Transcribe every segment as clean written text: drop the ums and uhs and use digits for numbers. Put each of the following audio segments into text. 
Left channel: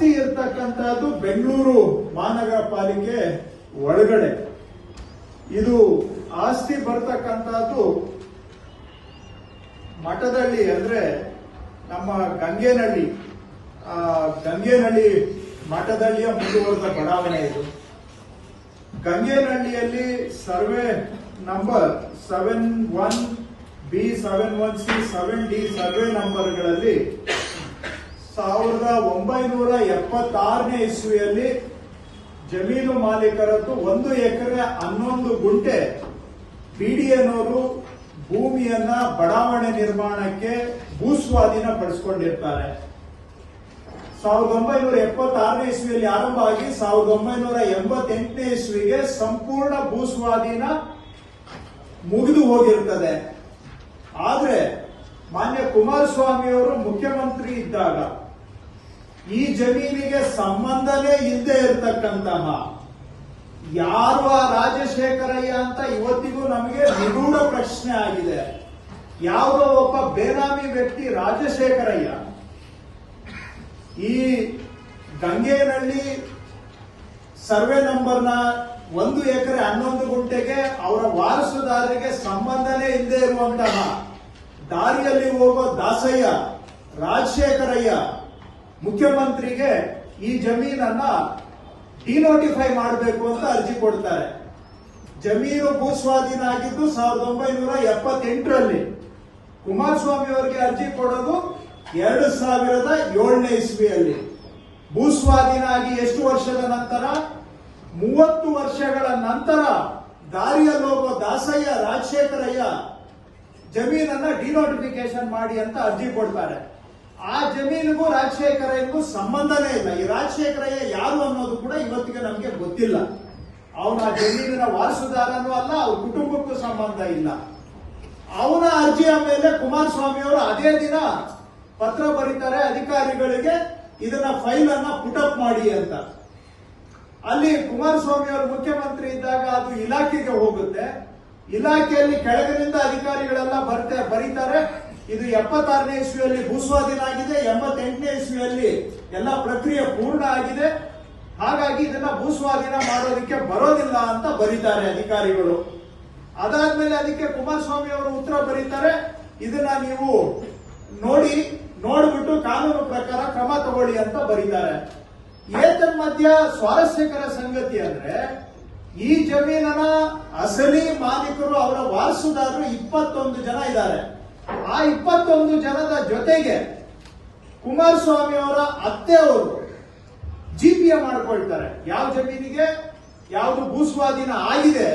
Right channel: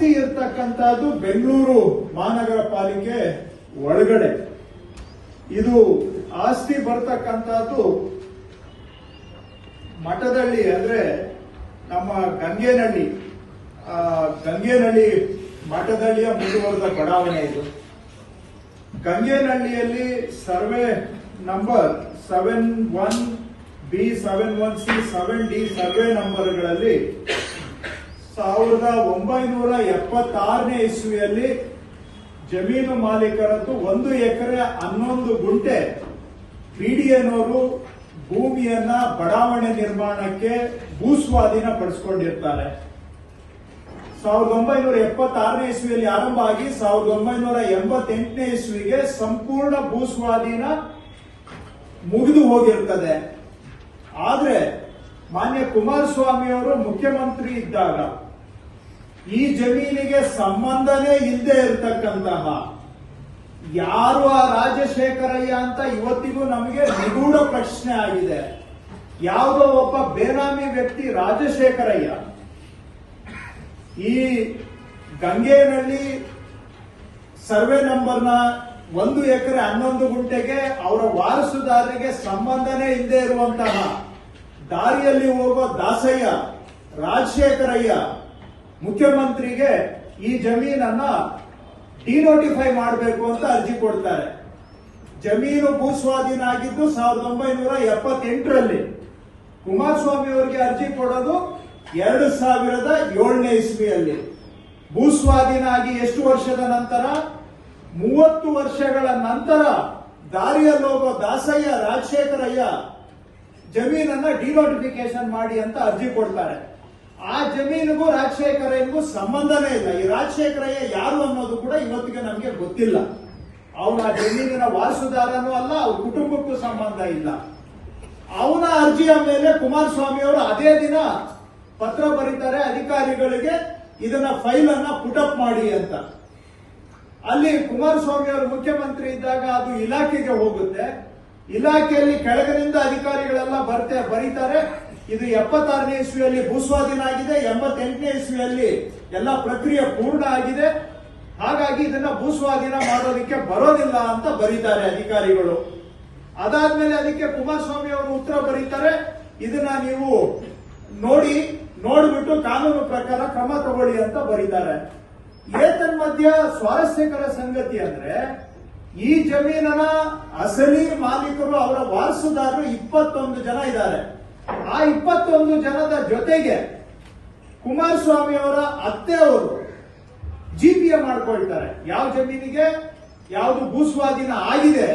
ಆಸ್ತಿ ಇರ್ತಕ್ಕಂಥದ್ದು ಬೆಂಗಳೂರು ಮಹಾನಗರ ಪಾಲಿಕೆ ಒಳಗಡೆ. ಇದು ಆಸ್ತಿ ಬರ್ತಕ್ಕಂಥದ್ದು ಮಠದಳ್ಳಿ, ಅಂದ್ರೆ ನಮ್ಮ ಗಂಗೇನಹಳ್ಳಿ ಮಠದಳ್ಳಿಯ ಮುಂದುವರೆದ ಬಡಾವಣೆ ಇದು. ಗಂಗೇನಹಳ್ಳಿಯಲ್ಲಿ survey number 71B, 71C, 7D survey ನಂಬರ್ಗಳಲ್ಲಿ 1976ನೇ ಇಸ್ವಿಯಲ್ಲಿ ಜಮೀನು ಮಾಲೀಕರದ್ದು 1 ಎಕರೆ 11 ಗುಂಟೆ ಬಿಡಿಎನವರು ಭೂಮಿಯನ್ನ ಬಡಾವಣೆ ನಿರ್ಮಾಣಕ್ಕೆ ಭೂಸ್ವಾಧೀನ ಪಡಿಸಿಕೊಂಡಿರ್ತಾರೆ. 1976ನೇ ಇಸ್ವಿಯಲ್ಲಿ ಆರಂಭ ಆಗಿ 1988ನೇ ಇಸ್ವಿಗೆ ಸಂಪೂರ್ಣ ಭೂಸ್ವಾಧೀನ ಮುಗಿದು ಹೋಗಿರ್ತದೆ. ಆದ್ರೆ ಮಾನ್ಯ ಕುಮಾರಸ್ವಾಮಿ ಅವರು ಮುಖ್ಯಮಂತ್ರಿ ಇದ್ದಾಗ ಈ ಜಮೀನಿಗೆ ಸಂಬಂಧನೇ ಇಲ್ಲದೆ ಇರತಕ್ಕಂತಹ ಯಾರು ಆ ರಾಜಶೇಖರಯ್ಯ ಅಂತ ಇವತ್ತಿಗೂ ನಮಗೆ ನಿಗೂಢ ಪ್ರಶ್ನೆ ಆಗಿದೆ. ಯಾವುದೋ ಒಬ್ಬ ಬೇನಾಮಿ ವ್ಯಕ್ತಿ ರಾಜಶೇಖರಯ್ಯ ಈ ಗಂಗೇನಹಳ್ಳಿ ಸರ್ವೆ ನಂಬರ್ನ 1 ಎಕರೆ 11 ಗುಂಟೆಗೆ ಅವರ ವಾರಸುದಾರರಿಗೆ ಸಂಬಂಧನೇ ಇಲ್ಲದೆ ಇರುವಂತಹ ದಾರಿಯಲ್ಲಿ ಹೋಗೋ ದಾಸಯ್ಯ ರಾಜಶೇಖರಯ್ಯ ಮುಖ್ಯಮಂತ್ರಿಗೆ ಈ ಜಮೀನನ್ನ ಡಿನೋಟಿಫೈ ಮಾಡಬೇಕು ಅಂತ ಅರ್ಜಿ ಕೊಡ್ತಾರೆ. ಜಮೀನು ಭೂಸ್ವಾಧೀನ ಆಗಿದ್ದು 1978ರಲ್ಲಿ. ಕುಮಾರಸ್ವಾಮಿ ಅವರಿಗೆ ಅರ್ಜಿ ಕೊಡೋದು 2007ನೇ ಇಸ್ವಿಯಲ್ಲಿ. ಭೂಸ್ವಾಧೀನ ಆಗಿ ಎಷ್ಟು ವರ್ಷದ ನಂತರ? 30 ವರ್ಷಗಳ ನಂತರ ದಾರಿಯಲ್ಲಿ ಹೋಗೋ ದಾಸಯ್ಯ ರಾಜಶೇಖರಯ್ಯ ಜಮೀನನ್ನ ಡಿನೋಟಿಫಿಕೇಶನ್ ಮಾಡಿ ಅಂತ ಅರ್ಜಿ ಕೊಡ್ತಾರೆ. ಆ ಜಮೀನಿಗೂ ರಾಜಶೇಖರಯ್ಯನಿಗೂ ಸಂಬಂಧನೇ ಇಲ್ಲ. ಈ ರಾಜಶೇಖರಯ್ಯ ಯಾರು ಅನ್ನೋದು ಕೂಡ ಇವತ್ತಿಗೆ ನಮಗೆ ಗೊತ್ತಿಲ್ಲ. ಅವನ ಆ ಜಮೀನಿನ ವಾರಸುದಾರನೂ ಅಲ್ಲ, ಅವ್ರ ಕುಟುಂಬಕ್ಕೂ ಸಂಬಂಧ ಇಲ್ಲ. ಅವನ ಅರ್ಜಿಯ ಮೇಲೆ ಕುಮಾರಸ್ವಾಮಿ ಅವರು ಅದೇ ದಿನ ಪತ್ರ ಬರೀತಾರೆ ಅಧಿಕಾರಿಗಳಿಗೆ, ಇದನ್ನ ಫೈಲ್ ಅನ್ನ ಪುಟಪ್ ಮಾಡಿ ಅಂತ. ಅಲ್ಲಿ ಕುಮಾರಸ್ವಾಮಿ ಅವರು ಮುಖ್ಯಮಂತ್ರಿ ಇದ್ದಾಗ ಅದು ಇಲಾಖೆಗೆ ಹೋಗುತ್ತೆ. ಇಲಾಖೆಯಲ್ಲಿ ಕೆಳಗಿನಿಂದ ಅಧಿಕಾರಿಗಳೆಲ್ಲ ಬರೀತಾರೆ, ಇದು 76ನೇ ಇಸ್ವಿಯಲ್ಲಿ ಭೂಸ್ವಾಧೀನ ಆಗಿದೆ, 88ನೇ ಇಸ್ವಿಯಲ್ಲಿ ಎಲ್ಲ ಪ್ರಕ್ರಿಯೆ ಪೂರ್ಣ ಆಗಿದೆ, ಹಾಗಾಗಿ ಇದನ್ನ ಭೂಸ್ವಾಧೀನ ಮಾಡೋದಕ್ಕೆ ಬರೋದಿಲ್ಲ ಅಂತ ಬರೀತಾರೆ ಅಧಿಕಾರಿಗಳು. ಅದಾದ್ಮೇಲೆ ಅದಕ್ಕೆ ಕುಮಾರಸ್ವಾಮಿ ಅವರು ಉತ್ತರ ಬರೀತಾರೆ, ಇದನ್ನ ನೀವು ನೋಡ್ಬಿಟ್ಟು ಕಾನೂನು ಪ್ರಕಾರ ಕ್ರಮ ತಗೊಳ್ಳಿ ಅಂತ ಬರೀತಾರೆ. ಏತನ್ಮಧ್ಯ ಸ್ವಾರಸ್ಯಕರ ಸಂಗತಿ ಅಂದ್ರೆ ಈ ಜಮೀನನ ಅಸಲಿ ಮಾಲೀಕರು ಅವರ ವಾರಸುದಾರರು 21 ಜನ ಇದ್ದಾರೆ. ಆ 21 ಜನದ ಜೊತೆಗೆ ಕುಮಾರಸ್ವಾಮಿ ಅವರ ಅತ್ತೆ ಅವರು ಜಿಪಿಎಂ ಮಾಡ್ಕೊಳ್ತಾರೆ. ಯಾವ ಜಮೀನಿಗೆ ಯಾವುದು ಭೂಸ್ವಾಧೀನ ಆಗಿದೆ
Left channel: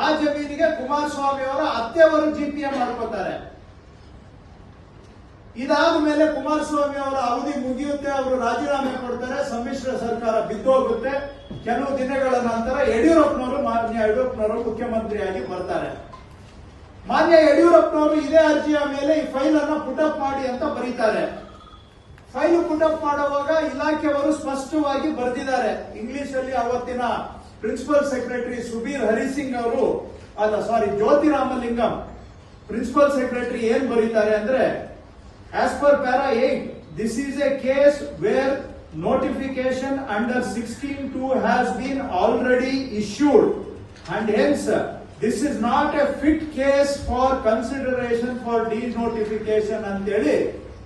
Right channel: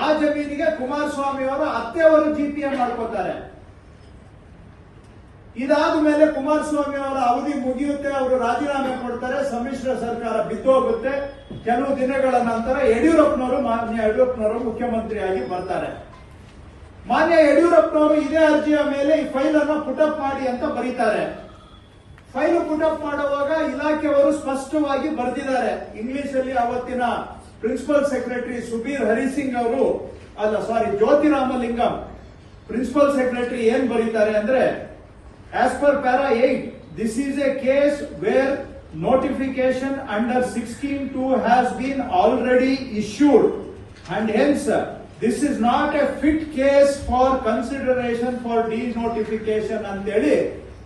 ಆ ಜಮೀನಿಗೆ ಕುಮಾರಸ್ವಾಮಿ ಅವರ ಅತ್ತೆಯವರು ಜಿಪಿಎಂ ಮಾಡ್ಕೋತಾರೆ. ಇದಾದ ಮೇಲೆ ಕುಮಾರಸ್ವಾಮಿ ಅವರ ಅವಧಿ ಮುಗಿಯುತ್ತೆ, ಅವರು ರಾಜೀನಾಮೆ ಕೊಡ್ತಾರೆ, ಸಮ್ಮಿಶ್ರ ಸರ್ಕಾರ ಬಿದ್ದೋಗುತ್ತೆ. ಕೆಲವು ದಿನಗಳ ನಂತರ ಮಾನ್ಯ ಯಡಿಯೂರಪ್ಪನವರು ಮುಖ್ಯಮಂತ್ರಿಯಾಗಿ ಬರ್ತಾರೆ. ಮಾನ್ಯ ಯಡಿಯೂರಪ್ಪನವರು ಇದೇ ಅರ್ಜಿಯ ಮೇಲೆ ಈ ಫೈಲ್ ಅನ್ನು ಪುಟಪ್ ಮಾಡಿ ಅಂತ ಬರೀತಾರೆ. ಫೈಲ್ ಪುಟಪ್ ಮಾಡುವಾಗ ಇಲಾಖೆಯವರು ಸ್ಪಷ್ಟವಾಗಿ ಬರೆದಿದ್ದಾರೆ ಇಂಗ್ಲಿಷ್ ಅಲ್ಲಿ. ಅವತ್ತಿನ ಪ್ರಿನ್ಸಿಪಲ್ ಸೆಕ್ರೆಟರಿ ಸುಬೀರ್ ಹರಿಸಿಂಗ್ ಅವರು ಜ್ಯೋತಿರಾಮಲಿಂಗಂ ಪ್ರಿನ್ಸಿಪಲ್ ಸೆಕ್ರೆಟರಿ ಏನ್ ಬರೀತಾರೆ ಅಂದ್ರೆ, as per para 8, this is a case where notification under 16(2) has been already issued and hence this is not a fit case for consideration for denotification ಅಂತೇಳಿ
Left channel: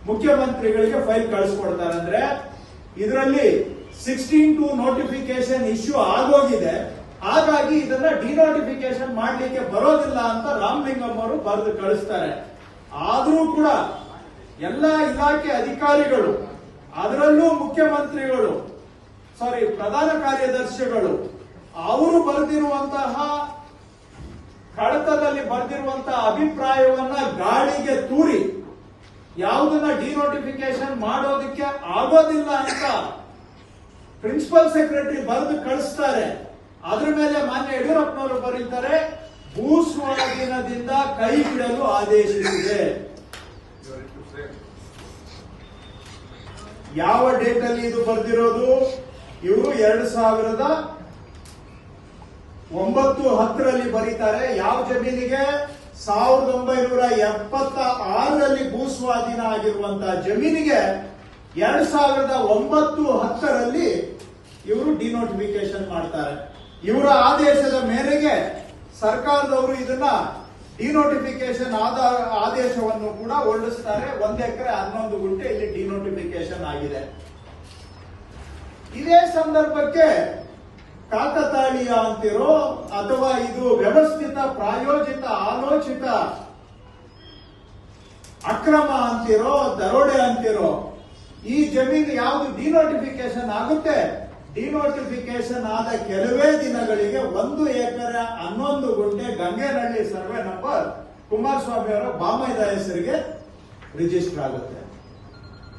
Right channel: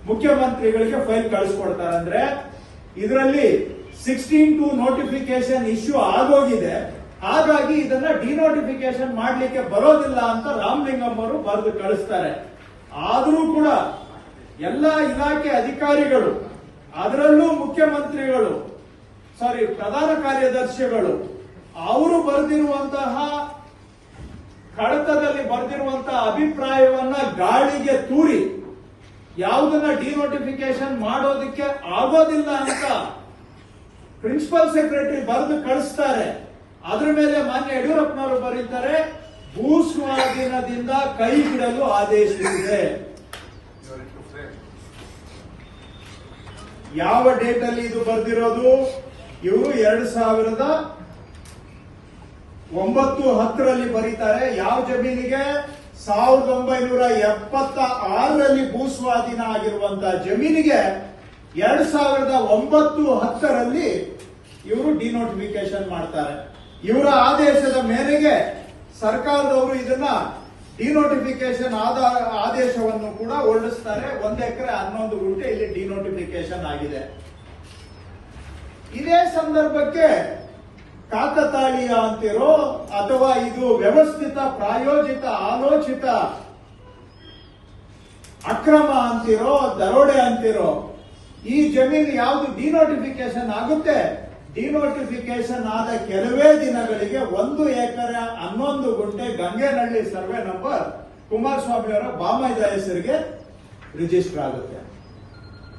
ಮುಖ್ಯಮಂತ್ರಿಗಳಿಗೆ file ಕಳಿಸ್ಕೊಡ್ತಾರೆ. ಅಂದ್ರೆ ಇದರಲ್ಲಿ 16(2) notification issue ಆಗೋಗಿದೆ, ಹಾಗಾಗಿ ಇದನ್ನ ಡಿನೋಟಿಫಿಕೇಶನ್ ಮಾಡಲಿಕ್ಕೆ ಬರೋದಿಲ್ಲ ಅಂತ ರಾಮಲಿಂಗಂ ಅವರು ಬರೆದು ಕಳಿಸ್ತಾರೆ. ಆದರೂ ಕೂಡ ಎಲ್ಲ ಇಲಾಖೆ ಅಧಿಕಾರಿಗಳು, ಅದರಲ್ಲೂ ಮುಖ್ಯಮಂತ್ರಿಗಳು, ಪ್ರಧಾನ ಕಾರ್ಯದರ್ಶಿಗಳು ಅವರು ಬರೆದಿರುವಂತಹ ಕಡತದಲ್ಲಿ ಬರೆದಿರುವಂತಹ ಅಭಿಪ್ರಾಯವನ್ನ ಗಾಳಿಗೆ ತೂರಿ ಯಾವುದನ್ನ ಡಿನೋಟಿಫಿಕೇಶನ್ ಮಾಡೋದಕ್ಕೆ ಆಗೋದಿಲ್ಲ ಅಂತ ಪ್ರಿನ್ಸಿಪಲ್ ಸೆಕ್ರೆಟರಿ ಬರೆದು ಕಳಿಸ್ತಾರೆ. ಅದ್ರ ಮೇಲೆ ಮಾನ್ಯ ಯಡಿಯೂರಪ್ಪನವರು ಬರೀತಾರೆ, ಭೂಸ್ವಾಧೀನದಿಂದ ಕೈ ಬಿಡಲು ಆದೇಶಿಸಿದೆ. ಯಾವ ಡೇಟ್ ಅಲ್ಲಿ ಇದು ಬರೆದಿರೋದು? ಇವರು 2009-10ರಲ್ಲಿ ಬರೀತಾರೆ. ಯಾವ ಜಮೀನಿಗೆ? 1976ರಲ್ಲಿ ಭೂಸ್ವಾಧೀನ ಆಗಿರುವಂತಹ ಜಮೀನಿಗೆ 2009-10ರಲ್ಲಿ ಇವರು ಡಿನೋಟಿಫಿಕೇಶನ್ ಮಾಡ್ತಾರೆ. ಇವರ ಆದೇಶದ ಮೇರೆಗೆ ಸರ್ಕಾರದವರು ಇದನ್ನ ಡಿನೋಟಿಫಿಕೇಶನ್ ಆದ ಆದೇಶವನ್ನು ಕೂಡ ಹೊರಡಿಸ್ತಾರೆ. 1 ಎಕರೆ 11 ಗುಂಟೆ ಇಲ್ಲಿ ಡಿನೋಟಿಫಿಕೇಶನ್ ಆಗಿದೆ. ಇದೇ ಸಂದರ್ಭಕ್ಕೆ ಕಾಕತಾಳೀಯ ಅಂತಿರೋ ಅಥವಾ ಇದು ವ್ಯವಸ್ಥಿತ ಪ್ರಾಯೋಜಿತ ಆಲೋಚಿತ ಅಕ್ರಮ ಅಂತಿರೋ ದರೋಡೆ ಅಂತಿರೋ ಈ ಜಮೀನು ಯಾವುದು ಡಿನೋಟಿಫಿಕೇಶನ್ ಆಗುತ್ತೆ, ಡಿನೋಟಿಫಿಕೇಶನ್ ಆದ ಕೆಲವೇ ದಿನಗಳಿಗೆ 1 ಎಕರೆ 11 ಗುಂಟೆ ಗಂಗೇನಹಳ್ಳಿ ಸರ್ವೆ ನಂಬರ್ ಕುಮಾರಸ್ವಾಮಿ ಅವರ ಬಾಮೈದ ಹೆಸರಿಗೆ ರಿಜಿಸ್ಟರ್ ಆಗುತ್ತೆ.